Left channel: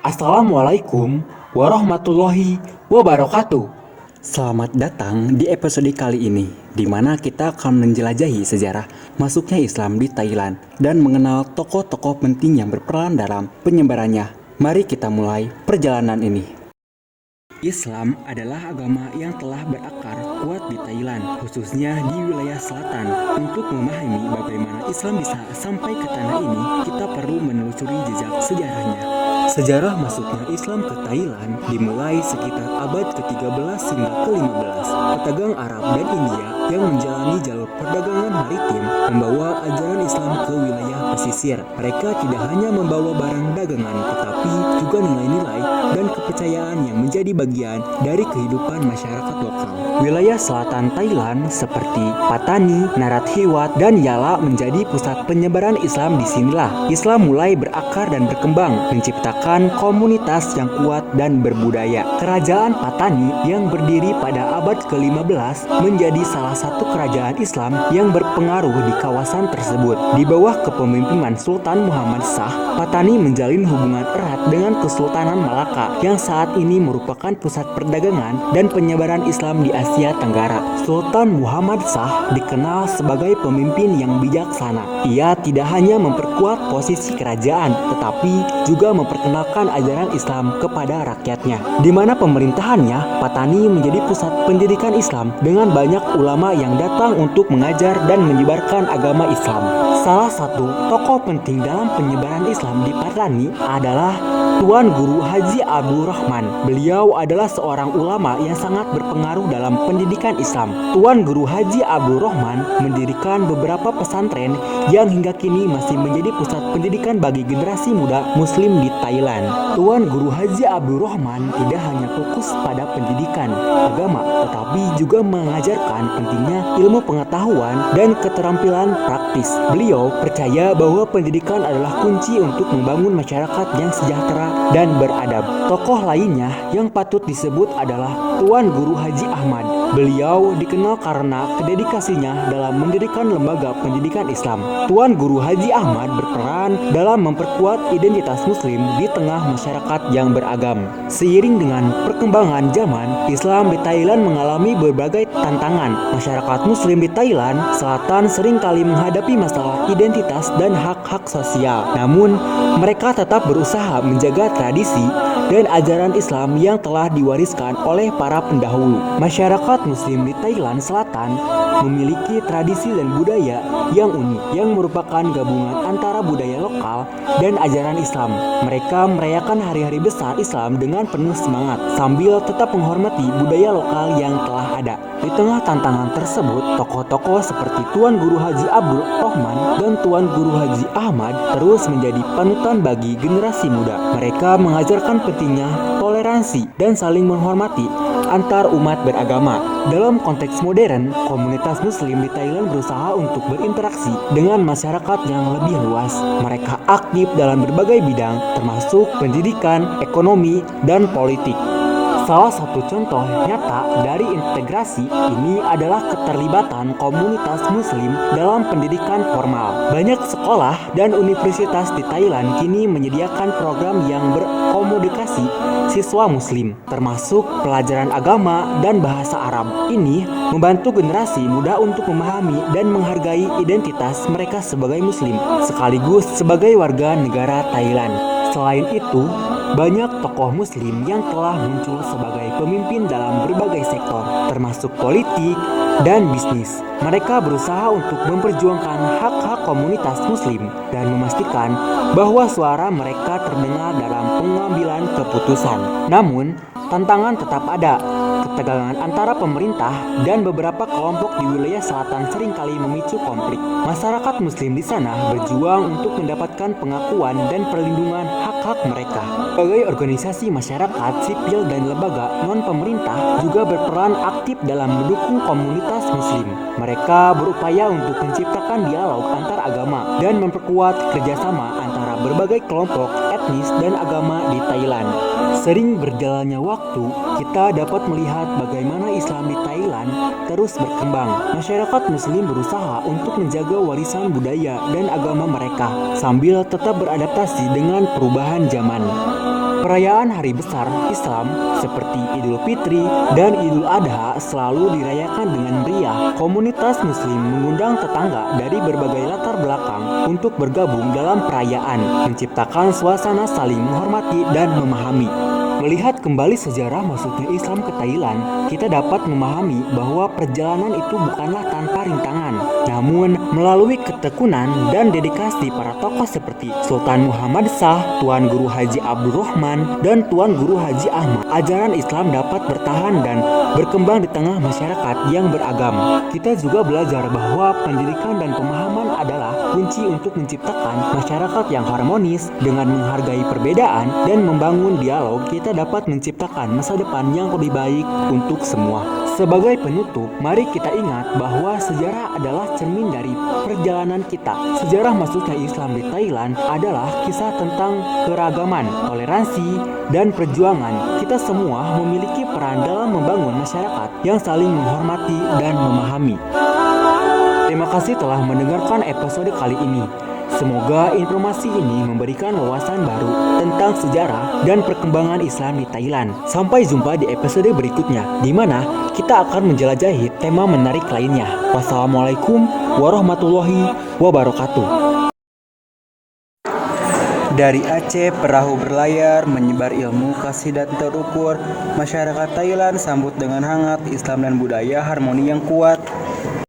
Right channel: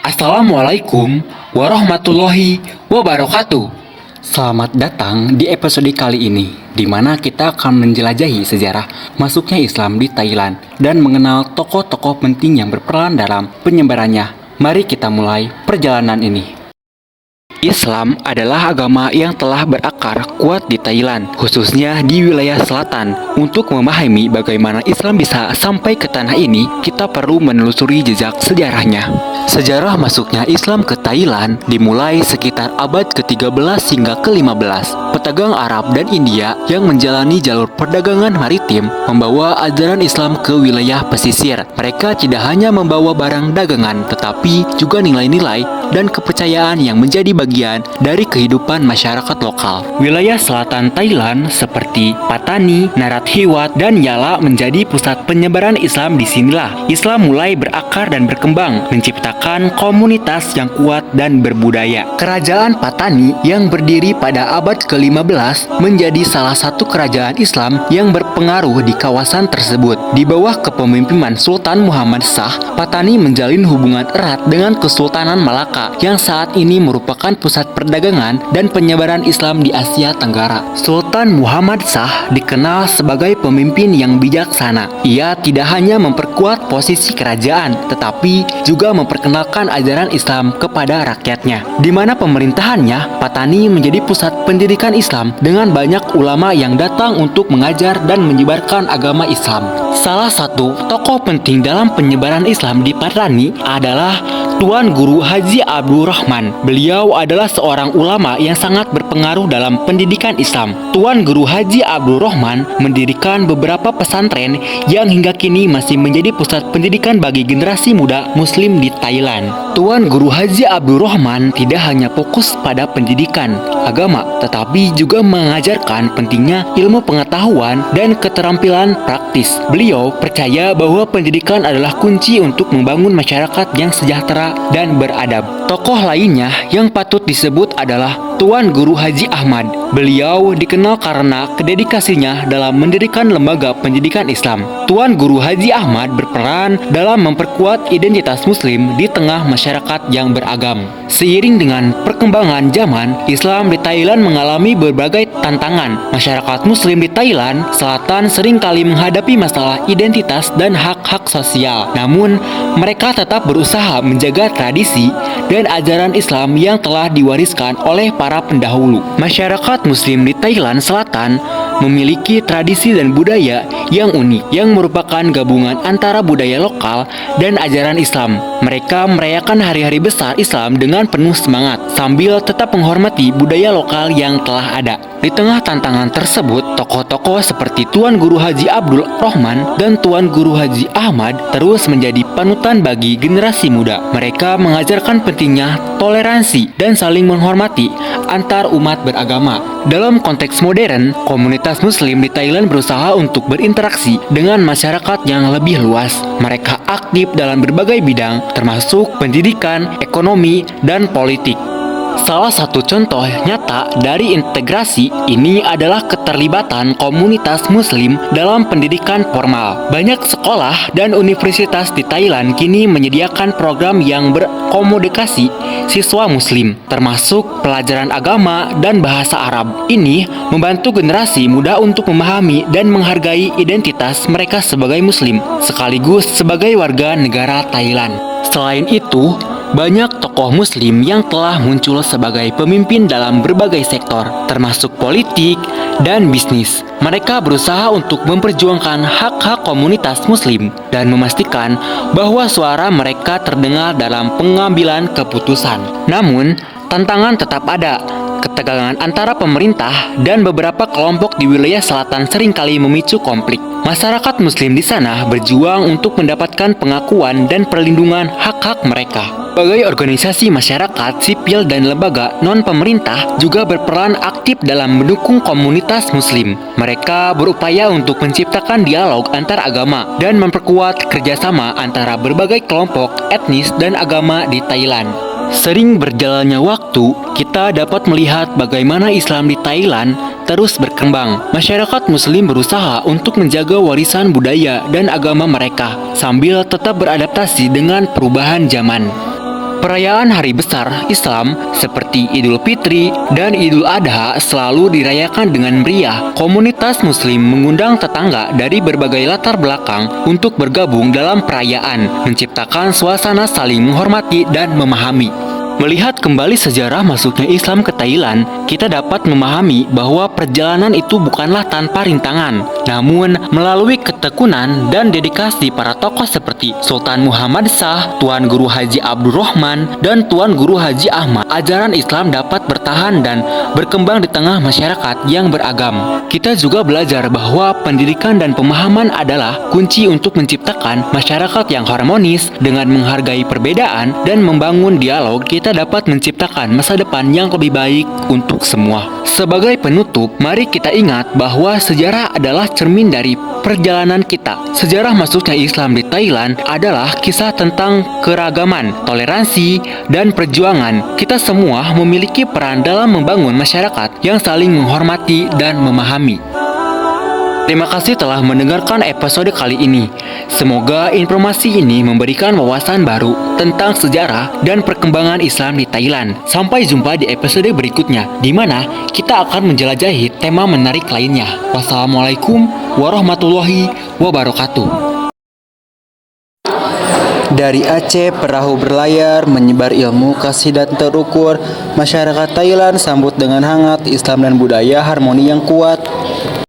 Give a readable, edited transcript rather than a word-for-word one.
Assalamualaikum warahmatullahi wabarakatuh. Selamat datang di episode kali ini, di mana kita akan menjelajahi sejarah masuknya Islam di Thailand dan mengenal tokoh-tokoh penting yang berperan dalam penyebarannya. Mari kita mulai perjalanan ini. Islam adalah agama yang telah berakar kuat di Thailand, khususnya di wilayah selatan. Untuk memahami bagaimana Islam bisa sampai ke tanah ini, kita perlu menelusuri jejak sejarahnya. Sejarah masuknya Islam ke Thailand dimulai sekitar abad ke-13 hingga ke-15. Pedagang Arab dan India yang menjalani jalur perdagangan maritim membawa ajaran Islam ke wilayah pesisir. Mereka tidak hanya membawa barang dagangan, tetapi juga nilai-nilai dan kepercayaan yang menjadi bagian dari kehidupan masyarakat lokal. Wilayah selatan Thailand seperti Pattani, Narathiwat, dan Yala menjadi pusat penyebaran Islam. Disinilah Islam mulai berakar dan berkembang, menciptakan komunitas yang kuat dan berbudaya. Kerajaan Pattani yang berdiri pada abad ke-15 menjadi salah satu kerajaan Islam yang berpengaruh di kawasan tersebut. Di bawah kepemimpinan Sultan Muhammad Shah, Pattani menjalin hubungan erat dengan Kesultanan Malaka yang saat ini merupakan pusat perdagangan dan penyebaran Islam di Asia Tenggara. Sultan Muhammad Shah dikenal sebagai pemimpin yang bijaksana. Ia tidak hanya memperkuat posisi kerajaan, tetapi juga memperkenalkan ajaran Islam kepada rakyatnya. Di mana pemerintahannya, Pattani menjadi pusat pendidikan Islam dengan banyak ulama yang datang untuk mengajar dan menyebarkan agama Islam. Salah satu tokoh penting dalam penyebaran Islam di Pattani adalah Tuan Guru Haji Abdul Rahman. Beliau adalah seorang ulama yang sangat berpengaruh dalam pendidikan Islam. Tuan Guru Haji Abdul Rahman mendirikan beberapa pesantren yang hingga kini masih menjadi pusat pendidikan bagi generasi muda Muslim di Thailand. Tuan Guru Haji Abdul Rahman tidak hanya fokus pada pendidikan agama, tetapi juga mengajarkan pentingnya ilmu pengetahuan dan keterampilan praktis. Beliau percaya bahwa pendidikan adalah kunci untuk membangun masyarakat yang sejahtera dan beradab. Tokoh lainnya yang patut disebut adalah Tuan Guru Haji Ahmad. Beliau dikenal karena dedikasinya dalam mendirikan lembaga pendidikan Islam. Tuan Guru Haji Ahmad berperan dalam memperkuat identitas Muslim di tengah masyarakat yang beragam. Seiring dengan perkembangan zaman, Islam di Thailand mengalami berbagai tantangan. Masyarakat Muslim di Thailand Selatan seringkali menghadapi masalah identitas dan hak-hak sosial. Namun, mereka tetap berusaha menjaga tradisi dan ajaran Islam yang telah diwariskan oleh para pendahulu. Masyarakat Muslim di Thailand Selatan memiliki tradisi dan budaya yang unik, yang merupakan gabungan antara budaya lokal dan ajaran Islam. Mereka merayakan hari-hari besar Islam dengan penuh semangat, sambil tetap menghormati budaya lokal yang telah ada. Di tengah tantangan tersebut, tokoh-tokoh seperti Tuan Guru Haji Abdul Rahman dan Tuan Guru Haji Ahmad terus menjadi panutan bagi generasi muda. Mereka mengajarkan pentingnya toleransi dan saling menghormati antar umat beragama. Dalam konteks modern, komunitas Muslim di Thailand berusaha untuk berinteraksi dengan masyarakat yang lebih luas. Mereka aktif dalam berbagai bidang, termasuk pendidikan, ekonomi, dan politik. Salah satu contoh nyata dari integrasi ini adalah keterlibatan komunitas Muslim dalam pendidikan formal. Banyak sekolah dan universitas di Thailand kini menyediakan program yang berkomunikasi siswa Muslim, termasuk pelajaran agama dan bahasa Arab. Ini membantu generasi muda untuk memahami dan menghargai identitas mereka sebagai Muslim, sekaligus sebagai warga negara Thailand. Selain itu, banyak tokoh Muslim yang telah muncul sebagai pemimpin dalam berbagai sektor, termasuk politik dan bisnis. Mereka berusaha untuk memperjuangkan hak-hak komunitas Muslim dan memastikan bahwa suara mereka terdengar dalam pengambilan keputusan. Namun, tantangan tetap ada. Ketegangan antara pemerintah dan beberapa kelompok di wilayah selatan seringkali memicu konflik. Masyarakat Muslim di sana berjuang untuk mendapatkan pengakuan dan perlindungan hak-hak mereka. Berbagai organisasi masyarakat sipil dan lembaga non-pemerintah juga berperan aktif dalam mendukung komunitas Muslim. Mereka berupaya untuk menciptakan dialog antar agama dan memperkuat kerjasama antara berbagai kelompok etnis dan agama di Thailand. Sering berjalannya waktu, kita dapat melihat bagaimana Islam di Thailand terus berkembang. Masyarakat Muslim berusaha untuk menjaga warisan budaya dan agama mereka, sambil tetap beradaptasi dengan perubahan zaman. Perayaan hari besar Islam seperti Idul Fitri dan Idul Adha selalu dirayakan dengan meriah. Komunitas Muslim mengundang tetangga dari berbagai latar belakang untuk bergabung dalam perayaan, menciptakan suasana saling menghormati dan memahami. Melihat kembali sejarah masuknya Islam ke Thailand, kita dapat memahami bahwa perjalanan itu bukanlah tanpa rintangan, namun melalui ketekunan dan dedikasi para tokoh seperti Sultan Muhammad Shah, Tuan Guru Haji Abdul Rahman, dan Tuan Guru Haji Ahmad, ajaran Islam dapat bertahan dan berkembang di tengah masyarakat yang beragam. Kita juga belajar bahwa pendidikan dan pemahaman adalah kunci untuk menciptakan masyarakat yang harmonis. Dengan menghargai perbedaan dan membangun dialog, kita dapat menciptakan masa depan yang lebih baik untuk semua. Sebagai penutup, mari kita ingat bahwa sejarah adalah cermin dari perjalanan kita. Sejarah masuknya Islam di Thailand adalah kisah tentang keragaman, toleransi, dan perjuangan. Kita semua memiliki peran dalam membangun masyarakat yang saling menghormati dan memahami. Terima kasih telah mendengarkan episode kali ini. Semoga informasi ini memberikan wawasan baru tentang sejarah dan perkembangan Islam di Thailand. Sampai jumpa di episode berikutnya, di mana kita akan menjelajahi tema menarik lainnya. Wassalamualaikum warahmatullahi wabarakatuh. Dari Aceh, perahu berlayar, menyebar ilmu, kasih dan terukur. Masyarakat Thailand sambut dengan hangat Islam dan budaya harmoni yang kuat.